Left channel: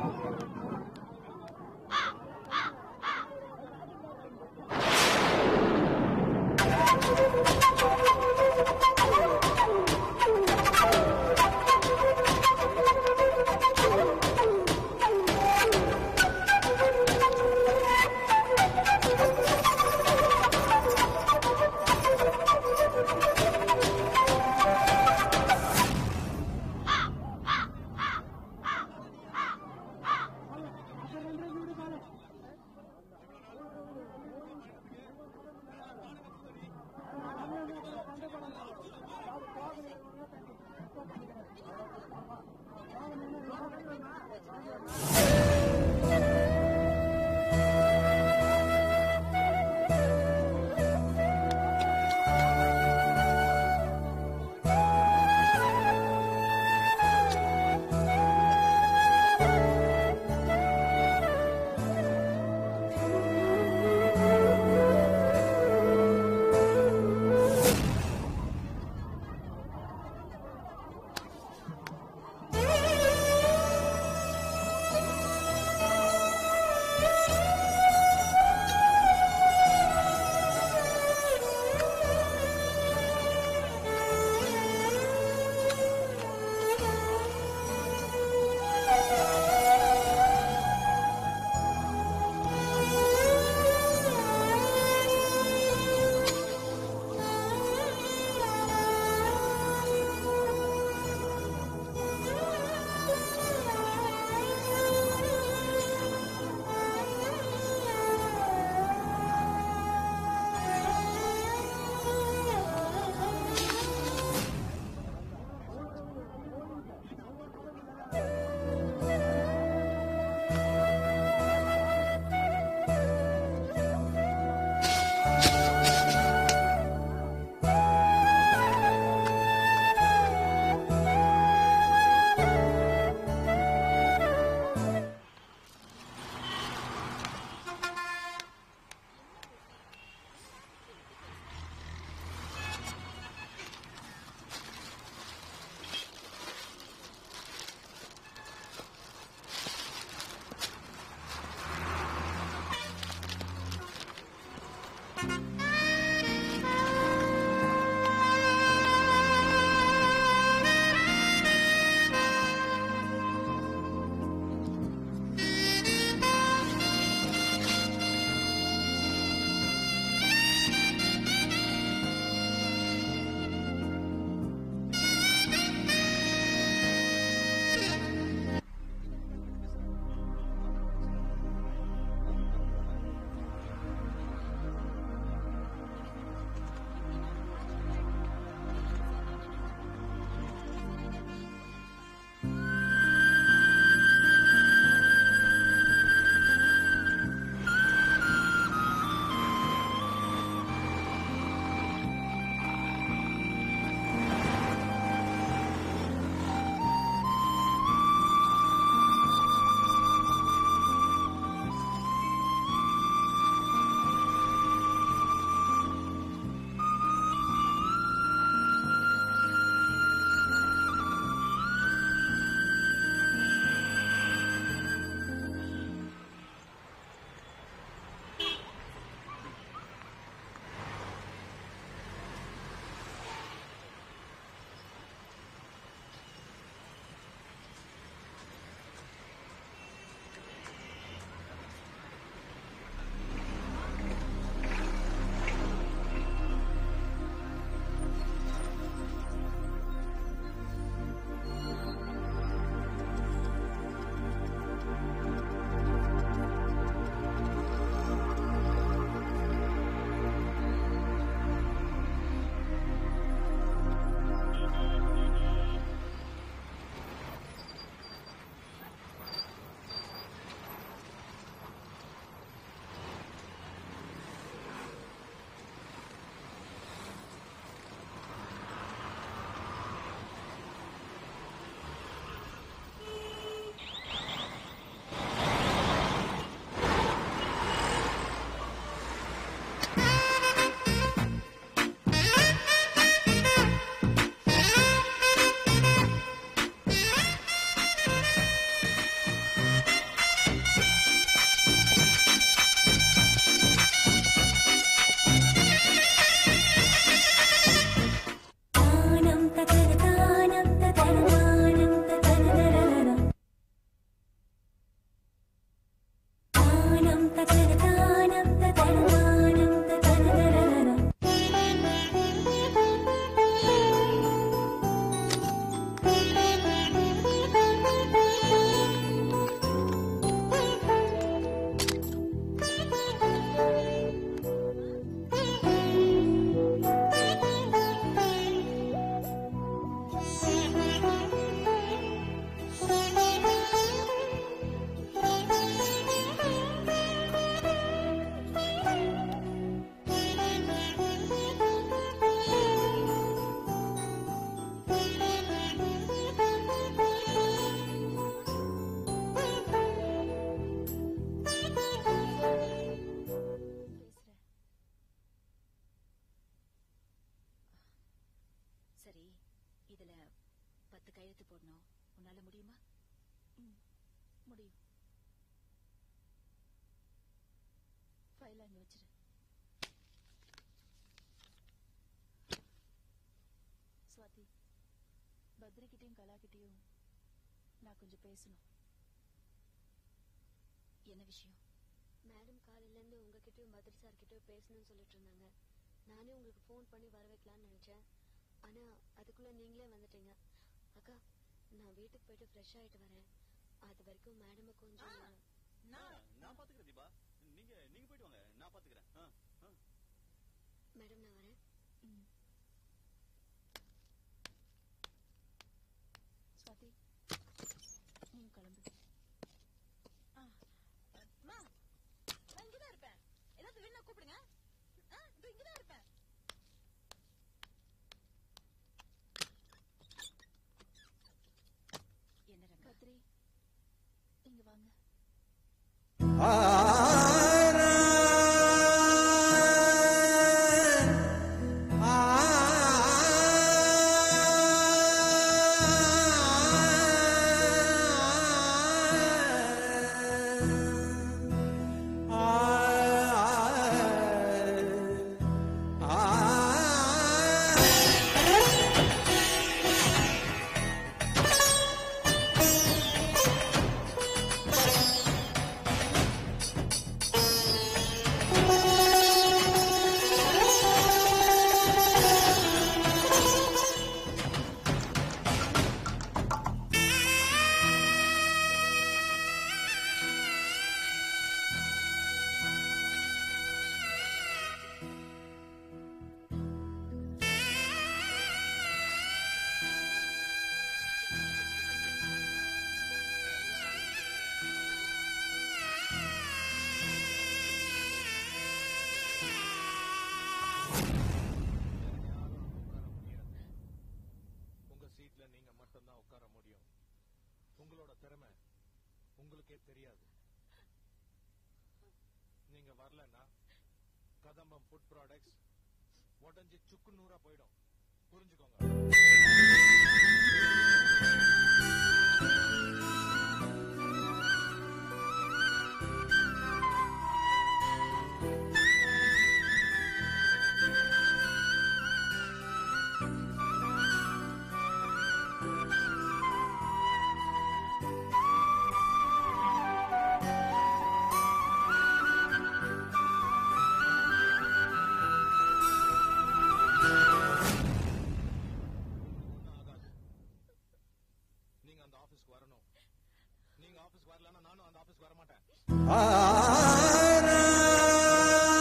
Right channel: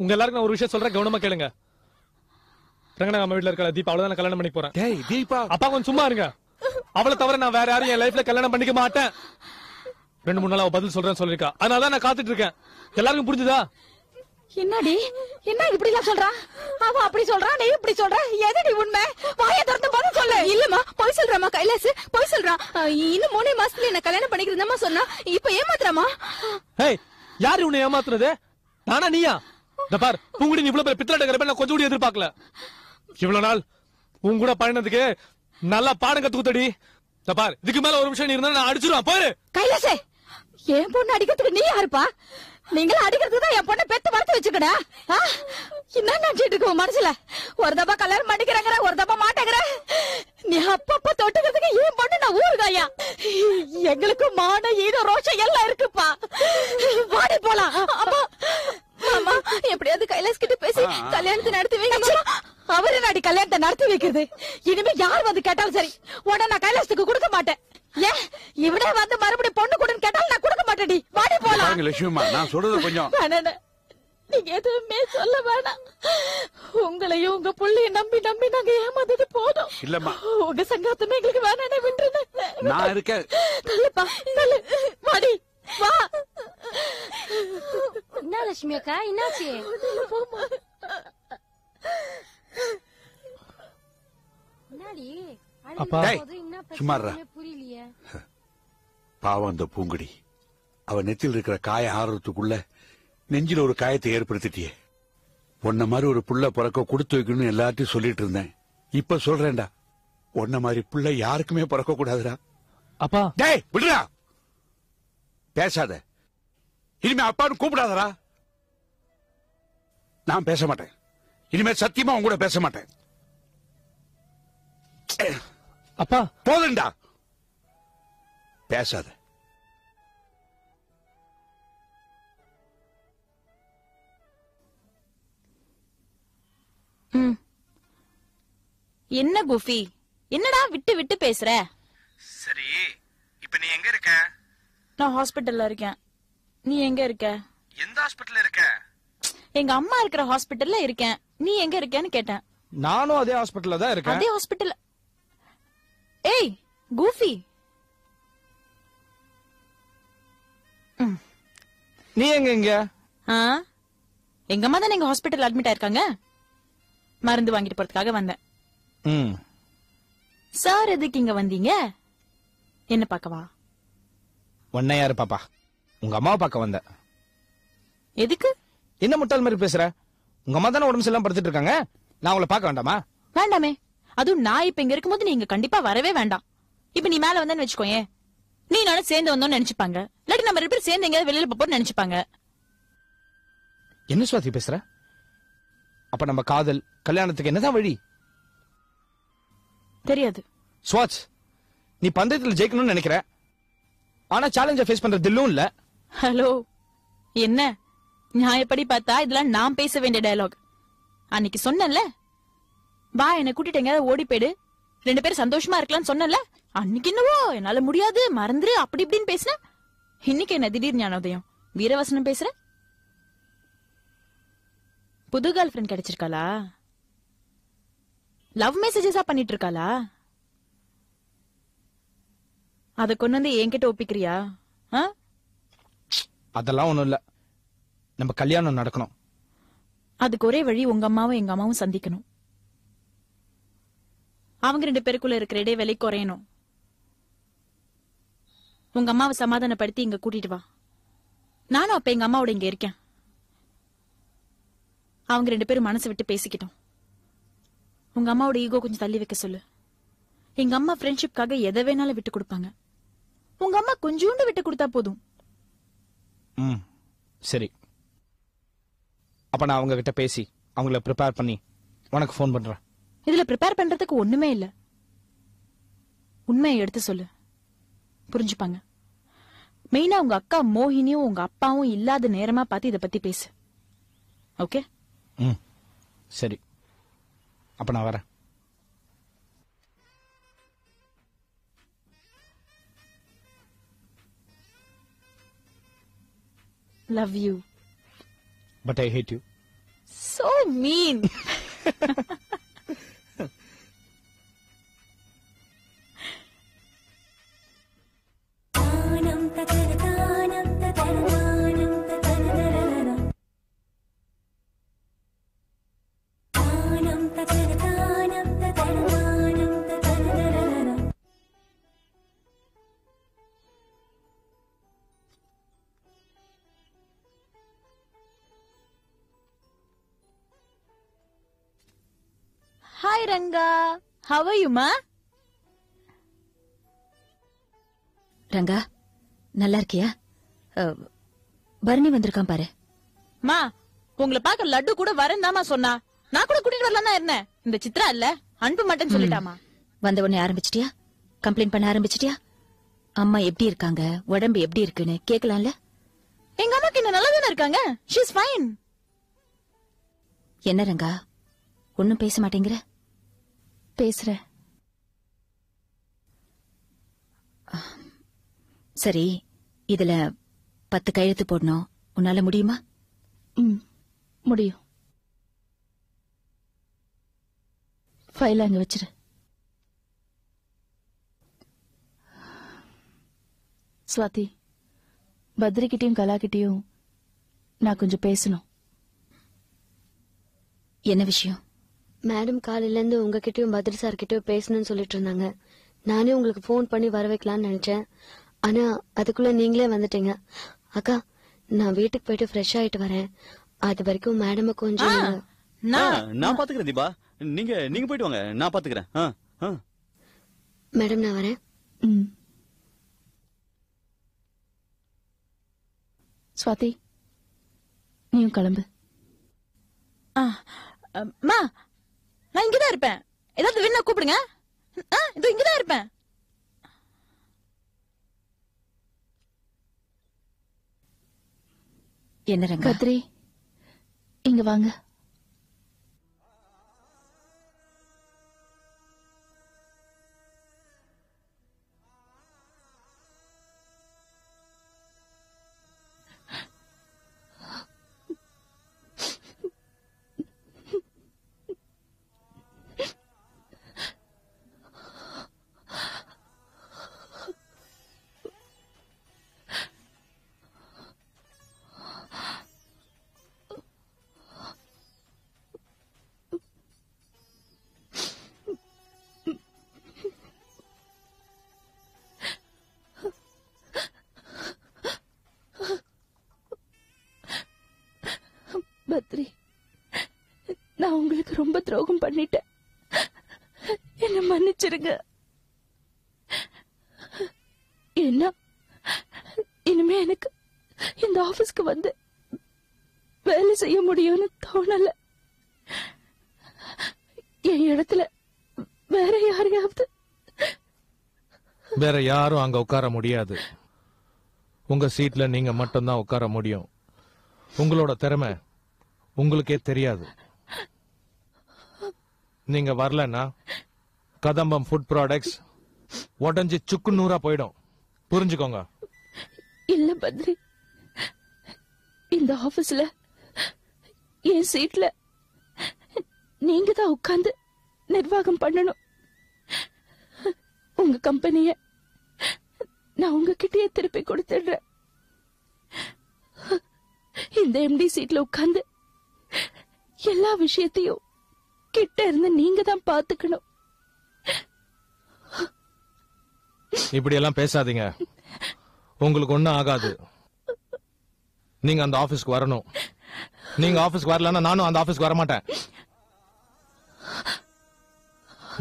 உங்க எல்லாருக்கும் நான் ஒரு விஷயம் சொல்றேன், கவனமா கேளுங்க. ரங்கனா நம்ம வீட்டுல இருக்க தீபா அவ்வளவுதான் கல்யாணம் பண்ணி போறேன். அப்பா கொஞ்சம் சும்மா இருங்க. அவளை தவிர நான் வேற யாரும் என் லைஃப்ல கல்யாணம் பண்ணிக்க மாட்டேன். 2-3 நாளா பதில் சொல்றேன்னு சொல்லிருக்கா. அதனாலதான் நான் காத்துட்டு இருக்கேன். எல்லாருக்கும் புரிஞ்சுதா? என்னடி என்ன இப்படி எல்லாம் சொல்றான்? அவன் அப்படி சொல்றான், நீ இப்படி சொல்ற. எதடி உண்மை? வாயை திறந்து பதில் சொல்லு. இல்லம்மா, போய் சொல்றாமா கைலாஸ், போய் சொல்றான். இன்னும் 3 மாசத்துல என்ன கல்யாணம் பண்ணிக்கிறதாமா சொன்னா. இப்ப ஏமாத்துறாமா? ஏய், யாரு உன்னை ஏமாத்துறது? நானா நீயா? இந்த பார், பூங்குடி நீ இவ்வளவு பெரிய பித்தளை கரப்ப நான் கொஞ்சம் கூட எதிர்பார்க்கல. இவ்வளவு நாள் உன் கூட பயணத்துக்கு நல்லா பாடம் கத்துக்குத்தடி. இந்த பார், இதுக்கு மேல ஒரு விஷயம் நீ இருந்தா நான் அடிச்சிருவேன் பாரு. கைலாசே, என் பொண்ணு அடிக்கிறதுக்கு நீ யாருப்பா? நீங்கள அடிக்கிறதுக்கு தான் என் பொண்ணை பெத்து வளர்த்து வச்சுக்கடா. என்ன நினைச்சிட்டு இருக்க மனசுல? ஒரு தப்பா கல்யாணம் பண்ணிக்கிறாங்க, ஒரு தப்பா மாட்டேங்கிற. நீ அப்பப்ப தொட்டுக்கிறதுக்கு என் பொண்ணு நான் ஊருதாயா. எங்களுக்கு மான ஈர ரோஷம் எல்லாம் இருக்குப்பா. வாடி போலாம். அம்மா எப்படியாவது கைலாஸ் கிட்ட பேசி கல்யாணத்தை நடத்தி வைங்க. அவரு நாடி கல்யாணத்தை நடத்தி வைக்கிறது. இனிமே யார் வந்து கேட்டாலும் சரி, உடனே நான் கைலாசத்துக்கு கொடுக்க மாட்டேன். ஏன் இவனே வந்து மறுபடியும் பொண்ணு கொடுன்னு கேட்டாலும் நான் கொடுக்க மாட்டேடி. வாடி போலாம். லட்சுமிமா, நான் சொல்றது கொஞ்சம் நீங்க எதுவுமே சொல்ல வேணாம். உங்களையும் உங்க புள்ளைய நம்பி நம்பி நாங்க ஏமாத்திட்டு போதும். இல்லம்மா, உங்க சங்கத்துமே நீ வேணானே விட்டுருங்க. நான் இருக்கேன். சொல்லுப்பா, சொல்லு. வாடி வா. என்ன லட்சுமி அக்கா, என்னாச்சு? அப்பா சும்மா பாவம் அந்த பூங்குடி. அவ நெத்தியில் இருக்கிற காய ஆறுறதுக்குள்ள நெஞ்சில ஒரு காயத்தை ஏற்படுத்திட்டியே. உன்ன மாதிரி ஒரு புள்ள பிறக்க கொடுத்து வைக்கணும்னு எல்லாத்தையும் சொல்லிட்டு இருந்தேன். இப்ப சொல்றேன்டா, உன்ன மாதிரி புள்ள யாருக்குமே பிறக்க கூடாதுடா. அப்பா டேய் விடுடா, பேசாத. இனிமே அப்பான்னு கூப்பிடாதடா. நான் பேச மாட்டேன். இனிமே சத்தியமா உன் கூட பேச மாட்டேன். அப்பா போதுண்டா, பேசாத. என்ன குஃபி, என்னடா விட்டு விட்டு பேசுற? சரி, இப்ப நீ எங்க இருக்க? நான் ஹாஸ்பிடல்ல இருக்கேன். நீ எங்க இருக்க? எந்த ஹாஸ்பிடல்ல இருக்க? எங்க அம்மா இருக்கிற ஹாஸ்பிடல்ல இருக்கேன். நீ எங்க இருக்கேன்னு கேட்டேன். நானும் அதே ஹாஸ்பிடல்ல தான் இருக்கேன். அதே ஹாஸ்பிடல். ஏய் குஃபி, நீ எங்க? எங்க அம்மா தான் எங்க ஹாஸ்பிடல் அட்மிட் ஆயிருக்காங்க. மருந்து வாங்கிட்டு போறதுக்காக வந்தேன். சார் எதுக்கு இங்க வந்தீங்க? என்ன பார்க்கவா? உன்னை யாரு பாப்பா? உங்க அம்மாவை பார்க்க வந்தேன். எதுக்கு? என்ன முட்டாள் மாதிரி பேசுற? உங்க அம்மா தானே உடம்பு சரியில்லாம படுத்துட்டு இருக்காங்க. நான் உங்களை பார்க்க வேண்டாமா? வேண்டாமே. அதுவும் நான் இப்ப இங்க இருக்கும்போது நீங்க கண்டிப்பா வரவே வேண்டாம். இப்ப நீ மேல வந்தேன்னு வச்சுக்கோயே, நீ நானும் சேர்ந்து வந்தோம்னு நினைச்சுப்பாங்க. இல்லாட்டி நம்ம 2 பேரும் சேர்ந்து எங்கேயாவது வெளியில போறோம்னு நினைச்சுப்பாங்க. என்ன சுவாதி பேசுற? அப்ப நம்ம காதல் கல்யாணத்துக்கு என்னதான் வழி? தெரியாது. ஸ்வாட்ச், நீ பந்தயத்துல ஜெயிக்கணும்னு நினைக்கிற, ஆனா சேலஞ்சை ஃபேஸ் பண்ற தில்லும் இல்ல. ஹலோ, என்ன நியாயப்படி பார்த்தா இதெல்லாம் நான் பேச வேண்டிய டயலாக். அன்னைக்கு சொன்னேன்ல, வா என்ன கூட்டிட்டு எங்கயாவது ஓடி போயிடு, 2 பேரும் சந்தோஷமா இருக்கலாம்னு சொன்னேன்ல. அன்னைக்கு என்னவோ என்னால முடியாது, மறந்துரு, அப்படி இப்படின்னு பேசின. இன்னைக்கு என்ன திடீர் ஞானோதயம், வீரவசனம் பேசுற? புது கேர்ள் ஃப்ரெண்ட் கிடைச்சிருக்காளா? லவ் மெசேஜஸா பண்ணிட்டு இருக்காளா? அத கொண்டு வந்து என்கிட்ட ஒப்பிக்கிறியா? அதெல்லாம் ஒண்ணும் இல்ல, நம்ம கல்யாணம் நடக்கணும். அதுக்கு ஒரே வழி, உங்க அம்மாவும் எங்க அம்மாவும் சந்திக்கணும். அவங்க 2 பேருக்குள்ள இருக்கிற இடைவெளி குறையணும். உங்க அம்மாவை சமாதானப்படுத்தி இங்க கூட்டிட்டு வா. நானும் அப்ப எங்க அம்மாவோட இங்க இருக்கேன். அவங்க 2 பேரும் மனசை விட்டு பேசிக்கிட்டோம். உங்க அம்மாவோட ஈகோ கொஞ்சம் தள்ளி வைக்க சொல்லு. எங்க அம்மா ஃப்ரெண்ட்ஷிப்காக எதை வேணாலும் விட்டு கொடுப்பாங்க. உங்க அம்மா கொஞ்சோண்டு விட்டு கொடுத்தா போதும். சரி, அப்ப நான் அவங்க கிட்ட பேசி அவங்கள ப்ரிப்பேர் பண்ணி உனக்கு ஃபோன் பண்றேன். இதுல ப்ரிப்பேர் பண்றதுக்கு ஒண்ணுமே இல்ல. உண்மையை எடுத்து சொல்லு, புரிஞ்சுப்பாங்க. மெயினா உங்க அக்கா மோகினியும் உங்க அப்பாவும் இல்லாத நேரமா பார்த்து இத பத்தி பேசு. ஓகே? சரி, அப்ப நான் வரேன். Love you. But but I hate you. So mean. Hi Ranga, how are you ma? Ranga நல்லா இருக்கியா? பரணி வந்திருக்கான் பாரு. மா உங்களை பார்க்க லட்டு கூட வரேன்தாமா சொன்னா. நான் கூட கூட்டிட்டு வரலன்னா என்ன? இந்த சித்ரா இல்ல அன்பு மாட்டேன்னு சொல்லிட்டாமா. வந்த உடனே ஆரம்பிச்சிட்டியா? கம்ப்ளைண்ட் பண்ண ஆரம்பிச்சிட்டியா? அம்மா எப்படி இருக்காங்க, உடம்பு எப்படி இருக்குன்னு கேட்கலாம்ல? எங்க அம்மாக்கு என்ன நல்லா தானே இருக்காங்க. She is fine. என்ன ரங்கா ஒன்னும் பேச மாட்டேங்கிற? பேசுறேன். சரி, இதுல 10 கையெழுத்து போடணும். உன்னால முடியுமா? முடியும். ஃபைல் அங்க வச்சிரு. ஸ்வாதி, பத்ரிகிட்டயும் கலாகிட்டயும் நான் கொஞ்சம் பேசணும். என்ன விஷயம்? மேடம் காலையில இருந்து உங்ககிட்டயும் பத்ரி சார் கிட்டயும் பேசணும்னு சொல்லிட்டு இருந்தாங்க. நானே உங்களுக்கு போன் பண்ணி வர வைக்கலாம்னு நினைச்சேன். ஆனா அதுக்குள்ள நீங்களே வந்துட்டீங்க. அக்கா, நான் வீட்டுக்கு போயிட்டு ஃப்ரெஷ் ஆயிட்டு வரேன். அது வரைக்கும் மேடம் கொஞ்சம் நான் பாத்துக்கிறேன் தீபா. நீங்க போயிட்டு வாங்க, நான் பாத்துக்கிறேன். மேடம் நான் வரேன். ஸ்வாதி, நீயும் கிளம்பு. மா, நான் இங்கதான் இருப்பேன். ஏதாவது வேணா கூப்பிடுங்க. இதோ இங்கதான் இருப்பேன். என்ன ரங்கா? பத்ரி, இங்க வாங்க. பத்ரி, நான் உங்களுக்கு ரொம்ப துரோகம் பண்ணிட்டேன். என்ன மன்னிச்சிருங்க. என்ன இனிமே எனக்கு இந்த ஆபீஸ்க்கு வந்து வேலை செய்ய முடியும்னு தோணல. என் இடத்துல வேற யாரையாவது. வேற யாரும் அங்க உட்கார முடியாது. உங்க சீட்ல நீங்க மட்டும்தான் உட்கார முடியும். உங்களோட திறமை உங்களுக்கே தெரியாது. நீங்க வரலன்னா கதம்பம் ஃபுட் ப்ராடக்ட்ஸ் உடஞ்சி சுக்கு நூறா போயிடும். புரிஞ்சுக்கோங்க. இல்ல பத்ரி, இந்த ஆபீஸ்ல என் சீட்ல நீங்க தான் உட்கார்ந்து நிர்வாகம் பண்ணணும். உங்க கம்பெனிய நான் உங்ககிட்டயே திருப்பி கொடுத்துடுறேன். இந்த எம்டி சீட்ல உட்கார்ந்து எல்லா விஷயத்தையும் கிட்ட இருந்து நீங்க தான் பாத்துக்கணும். இப்படி எல்லாம் பேசாதீங்க. உங்களுக்கு ஒண்ணும் ஆகாது. நீங்க அந்த ஆபீஸ்க்கு வரணும். நீங்க ஆபீஸ்க்கு வரலன்னா நானும் அந்த ஆபீஸ்க்கு வர மாட்டேன்.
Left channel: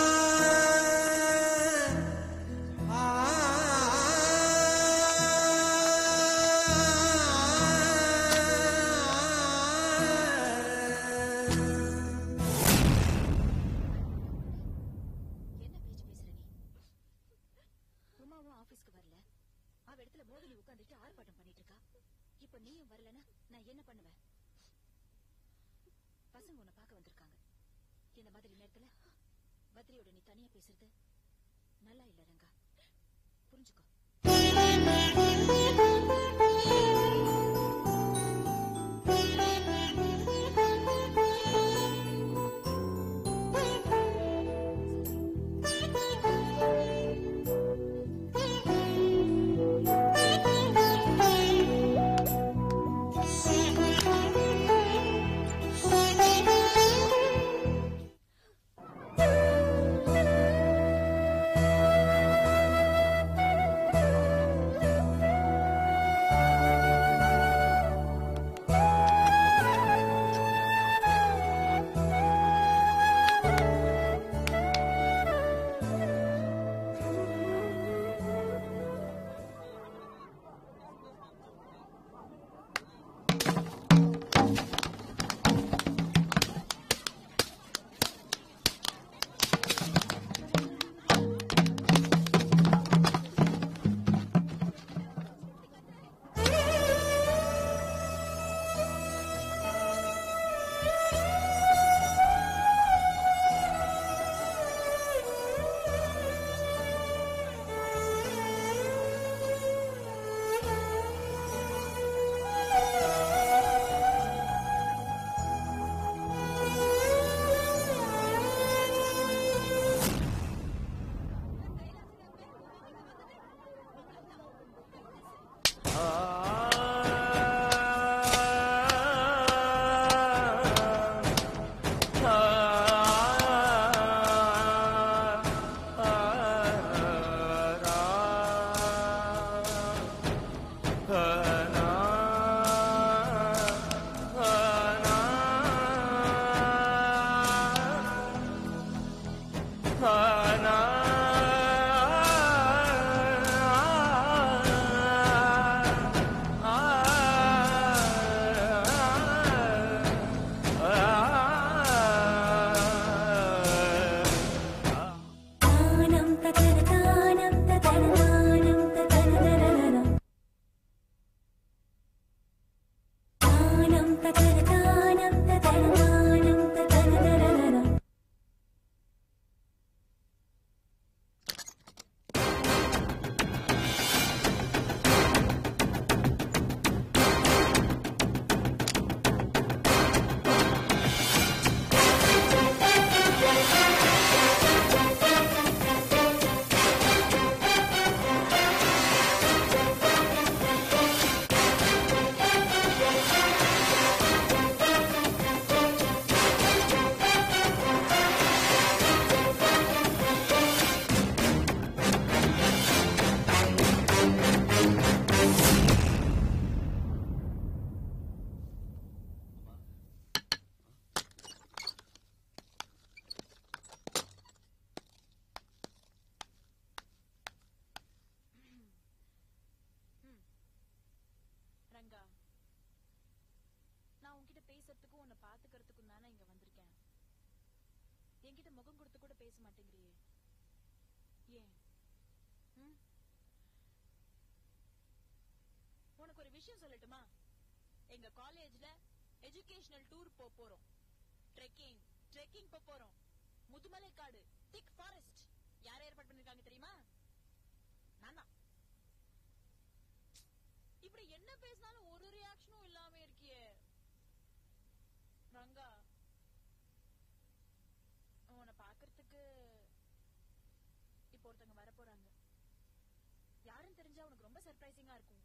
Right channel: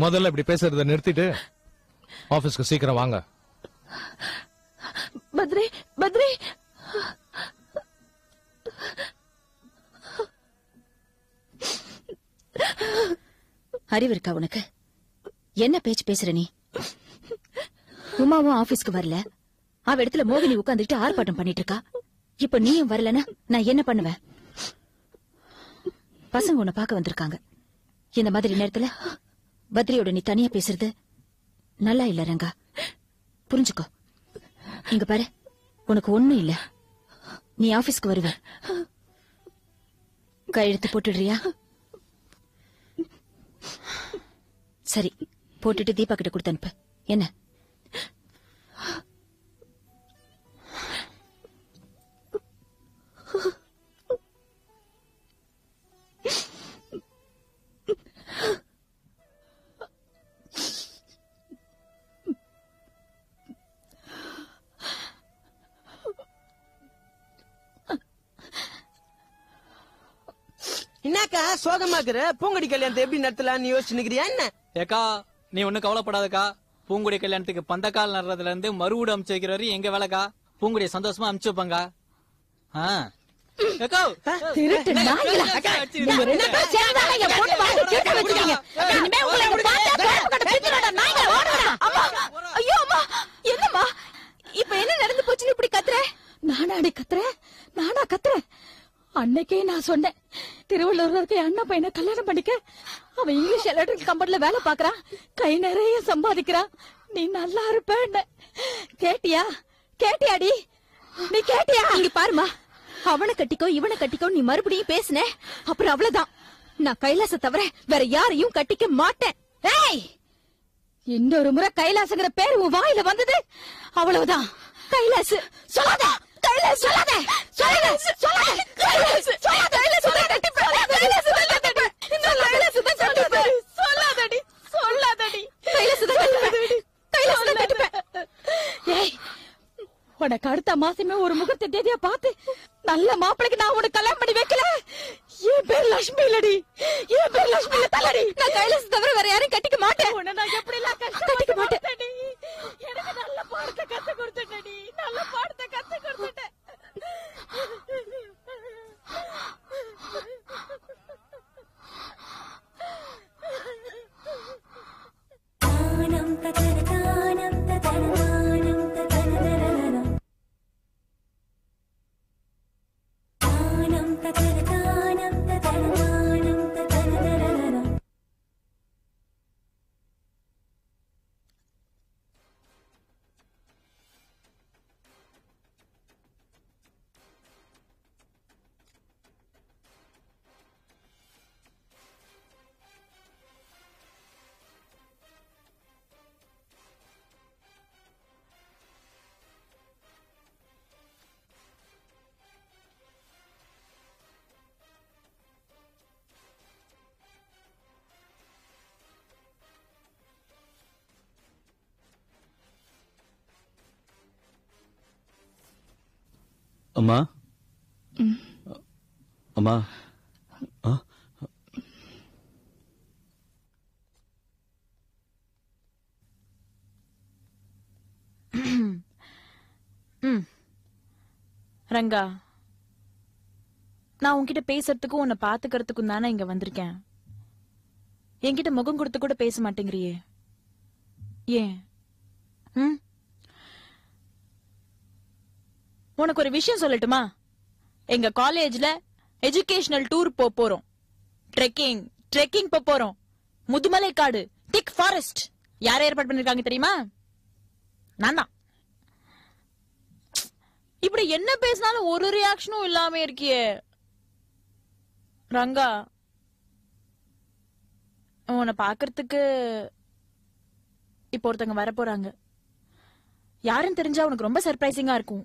முதல்ல இப்படி பேசுறதை நிறுத்திட்டு ஆபீஸ்க்கு சீக்கிரம் வாங்க. பத்ரி, பத்ரி, அறிவு இருக்கா உனக்கு? என்ன பேச்சு பேசுற நீ? உமாவும் ஆபீஸ்க்கு வரல. அவ இடத்துல மோகினி உட்கார்ந்துட்டு ஆர்ப்பாட்டம் பண்ணிட்டு இருக்கா. இப்ப நீயும் வரலன்னா நான் என்ன பண்ணுவேன்? பசங்க உன்னை பார்க்க வந்திருக்காங்க. இந்த மாதிரி நேரத்துல பத்ரியோட நீ தனியா பேசுறது நல்லா இல்ல ரங்கா. புரிஞ்சுக்கோ. இங்க பாரு, உனக்கு ஒண்ணும் இல்ல. நீ ஆபீஸ்க்கு வருவ. கையெழுத்து போட்டுடுறியா? சரி, போட்டுட்டு தீபா கிட்ட கொடுத்து அனுப்பு. என்ன? என்னக்கா சோகமாக்குற? பூங்கொடி கல்யாணத்தை எப்படி நடத்தலாம்னு யோசிச்சுக்கிறியா என்ன? ஏக்கா நீ ஒன்னும் கவலைப்படாதக்கா. பூங்குடி கல்யாணத்துக்கு பந்தக்கால் நடுறதுல இருந்து மறுவூடு அமுச்சு வைக்கிற வரையும் எங்க வேலைக்கா. பூங்குடியை சந்தோஷமா அமுச்சு வைப்பாங்க. திருட்டு நாய்களா. நீங்க ரெண்டு பேரும் சேர்ந்தாலே என் பொண்ணு வாழ்க்கை கெட்டு வச்சிருக்கீங்க. இனிமே உங்களை பார்த்தா கோபம் கட்ட பிடிக்கிறடா நாய்களா. ஓடுடா. அம்மா, ஐயோ அம்மா, என்னம்மா இப்ப என்ன நடந்து போச்சுன்னு இப்படி கத்துற? நானா கத்துறேன்? அன்னைக்கே நான் சொன்னேன், திருவள்ளூர்ல இருக்க அண்ணா பையனை கல்யாணம் பண்ணிக்க. அவன் இங்கிலீஷ் எலக்ட்ரிக் கம்பெனில வேலை பாக்குறான், கை நிறைய சம்பாதிக்கிறான், நீ நல்லா இருப்ப. கேட்டியாடி? நீ கேட்டியா? இங்க பாருமா, அவனை கட்டிக்கோ இவனை கட்டிக்கோ நீ மறுபடியும் பேசுன, அப்புறம் அவ்வளவுதான். நான் கைலாச தவிர வேற யாரையும் கட்டிக்க மாட்டேன். இன்னொரு முறை கைலாசங்கிற பேர் உன் வாயில வந்தது அவ்வளவுதான். கைலாஸ் சொல்லாத, கைலாஸ் சொல்லாத, கைலாஸ் சொல்லாத, கைலாஸ் சொல்லாத, கைலாஸ் சொல்லாத, கைலாஸ் சொல்லாத, இன்னும் கைலாஸ் சொல்லாத, சொல்லாதடி, சொல்லாதடி, கைலாஸ் கட்டிப்பேன், கைலாஸ் கட்டிப்பேன். ஏய், உனக்கு அடுத்த மாசமே ஒரு முகத்தை தேதியா பார்த்து நல்ல மாப்பிளைக்கு நான் உனக்கு கல்யாணம் பண்ணி வைக்கல. என் பேர் லட்சுமி இல்லடி, என் பேர் லட்சுமி இல்ல தலடி. நான் கைலாஸ் தவிர வேற யாரையும் கட்டிக்க மாட்டேன், கட்டிக்க மாட்டேன். அம்மா, அம்மா, ரங்கா, நான் உன்கிட்ட பேசுறதுக்கும் உன்னை பாத்துக்கிறதுக்கும் தானே இங்க வந்திருக்கேன். என்கிட்ட முகம் கொடுத்து கூட பேச மாட்டேங்கிறியே, ஏன்? உனக்கு ஒரு விஷயம் சொல்லட்டுமா? எங்க காலேஜ்ல எஜுகேஷனல் டூர் போறோம், ட்ரெக்கிங் போறோம். முதுமலை காடு, திக் ஃபாரஸ்ட். யார் ஏற்பாடு பண்ணிருக்காங்க தெரியுமா? நான் தான். இப்படி என்ன பேசினாலும் ஒரு ரியாக்ஷனும் இல்லாம இருக்கியே ரங்கா. உன்னை பாக்குறதுக்கு இப்ப ஒருத்தங்க வர போறாங்க. யாருன்னு தெரிஞ்சா உனக்கு ரொம்ப சர்ப்ரைசிங்கா இருக்கும்.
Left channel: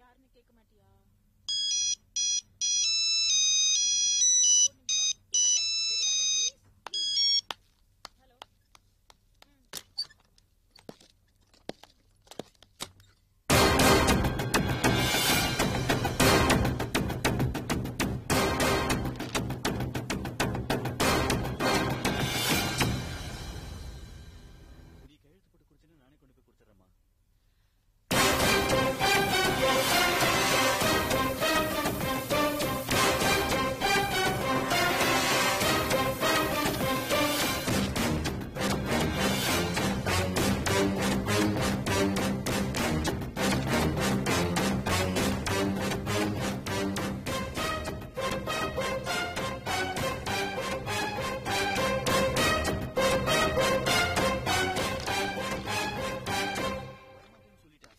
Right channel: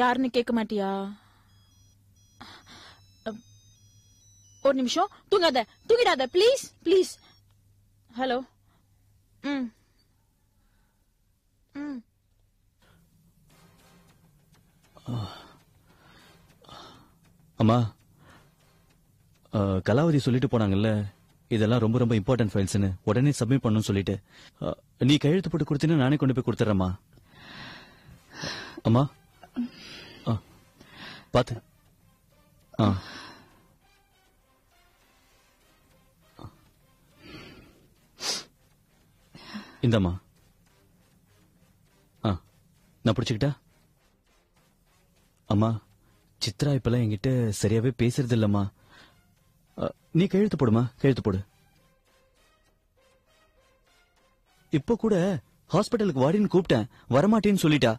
யாருன்னு கேட்க மாட்டியா? ஒரு நிமிஷம், தூங்கிடாத ப்ளீஸ் ப்ளீஸ். ஹலோ. அம்மா, கலாவதி சொல்லிட்டு போனாங்கல்ல, இதெல்லாம் ரொம்ப ரொம்ப இம்பார்ட்டன்ட் ஃபைல்ஸ்னு உடனே சப்மிட் பண்ணணும்னு சொல்லிட்டு. நீ கையெழுத்து போட்டு கொடுத்தீங்கன்னா நானே கொண்டு போய் கொடுத்துட்றேம்மா. அம்மா பார்த்து. இந்தம்மா, நான் பிடிச்சிக்கிட்டேன். அம்மா, சித்ரா இப்பெல்லாம் என்கிட்ட சரியாவே பேசுறது இல்லம்மா. நீ கையெழுத்து போடுமா, கையெழுத்து போடு. இப்போ கூட ஹாஸ்பிட்டலுக்கு வாடின்னு கூப்பிட்டேன், வரமாட்டேன்னு சொல்லிட்டா.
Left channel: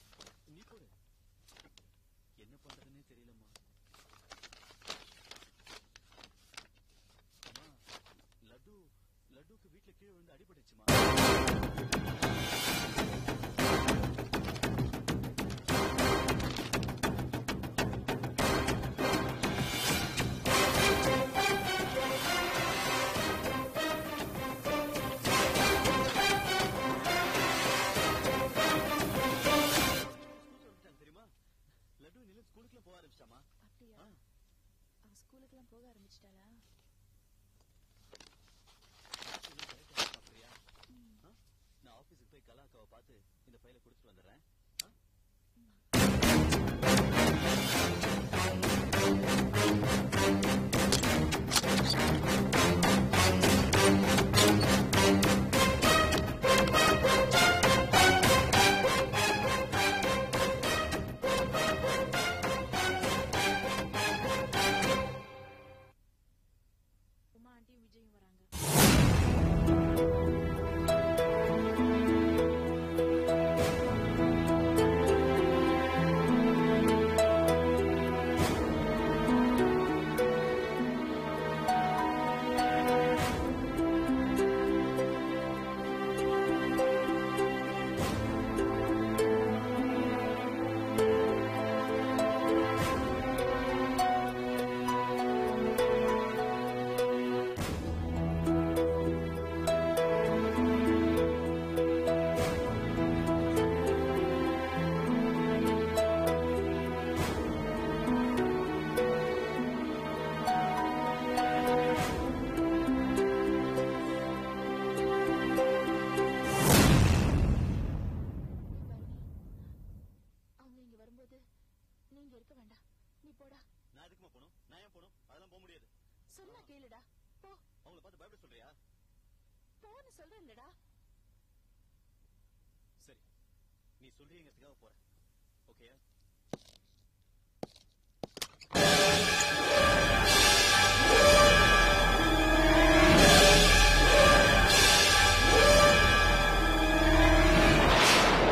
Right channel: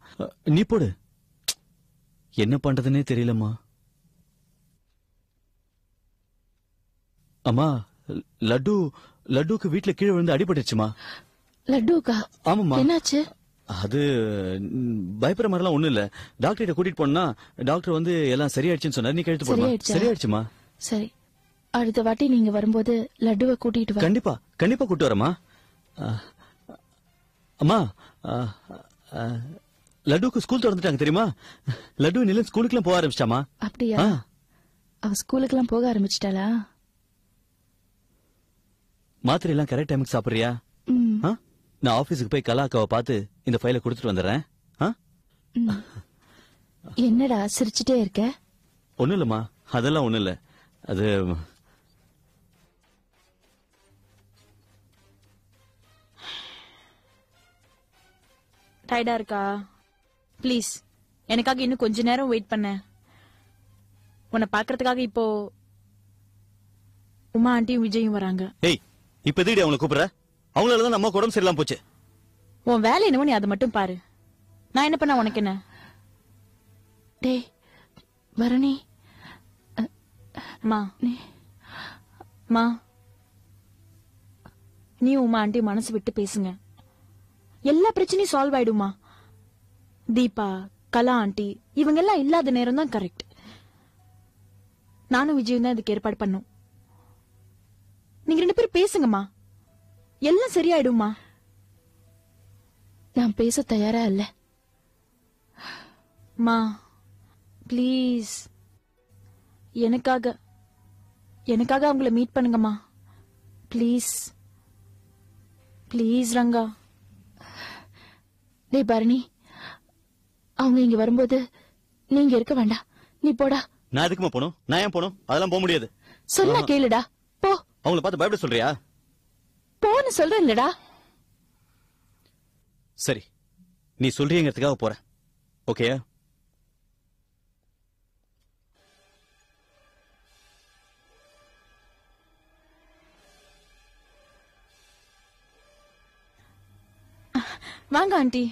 நீ போடு. என்ன பண்றதுன்னே தெரியலம்மா. அம்மா லட்டுக்கு வீட்டுல கீழே விழுந்து அடிபட்டுச்சுமா. லட்டுக்கா? ஆமாம்மா. என்னாச்சு? அது பயப்படுற மாதிரிலாம் ஒண்ணும் இல்ல. டாக்டர் கூட்டிட்டு போனா டாக்டர் வந்து எல்லாம் சரியாயிடுச்சுன்னு சொன்னாரு. நீ கழுத்து போடுமா? சரியாயிடுச்சுமா. சரி, அடுத்த வாட்டி நீங்க வரும்போது லட்டுவை கூட்டிட்டு வா. கண்டிப்பா கூட்டு வரமா. அம்மா, லட்டுக்கு ஸ்கூல் திறந்துட்டாங்க தெரியுமா? லட்டு நிலன் ஸ்கூலுக்குலாம் போக ஆரம்பிச்சிட்டாமா. அப்படியா? அவ ஸ்கூலுக்குலாம் போக ஆரம்பிச்சிட்டாளா? மாத்திரை எல்லாம் கரெக்ட் டைமுக்கு சாப்பிடுறியா? நான் ஆபீஸுக்கு போய் கலாக்காவை பார்த்து இந்த ஃபைலை கொடுத்துட்டு வந்துடுறேன். என்னடா சிரிச்சுட்டே இருக்க? ஒண்ணும் இல்லம்மா, அதெல்லாம் ஒண்ணும் இல்ல. அது டயர்டா இருக்கா? ப்ளீஸ் எனக்காக இன்னும் கொஞ்ச நேரம் வெயிட் பண்ண. உன்னை பாக்குறதுக்காக இப்போ உமா ஆண்டியும் விஜயும் வராங்க. ஏய், இப்ப எதுக்கு அவங்களை கூப்பிடுற? அவங்களாலதான் நம்ம உடம்பு சரியில்லாம போச்சு. உன் வேலை என்னவோ நீ அதை மட்டும் பாரு. நான் என்ன பண்ண உனக்கு என்ன? டேய் பரணி, மா நீ உமா ஆண்டி மனசு விட்டு பேசுங்க. எல்லா பிரச்சனையும் சால்வ் ஆயிடுமா. தீபா, கலா ஆண்டி இவங்க எல்லாம் இல்லாத நேரம் தான் கரெக்ட். நானும் விஜயும் தான் இதுக்கு ஏற்பாடு பண்ண. நீங்க 2 பேரும் பேசுங்கம்மா, எல்லாம் சரியாயிடுமா. நான் பேச தயாரா இல்ல. மா ப்ளீஸ் எனக்காக அவங்கள மீட் பண்ணுங்கம்மா. Please please Ranga. டேய் பரணி, அவங்க இங்க வரும்போது நீங்க இருக்க வேண்டாம். நீ போடா. நான் எதுக்குமா போகணும்? நான் ஏன் போகணும்? அதெல்லாம் போக முடியாது. சொன்னா கேளுடா, போ. அவங்கள பார்த்து பயப்பட சொல்றியா? போன்னு சொல்றேன் இல்லடா. சரி, நீ சொல்றீங்கிறதுக்காக போறேன். ஓகே? வாங்க ஆண்டி.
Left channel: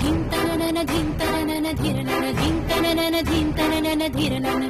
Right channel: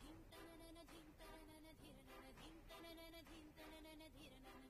धिंतननन धिंतननन धिरनन धिंतननन धिंतननन धिरनन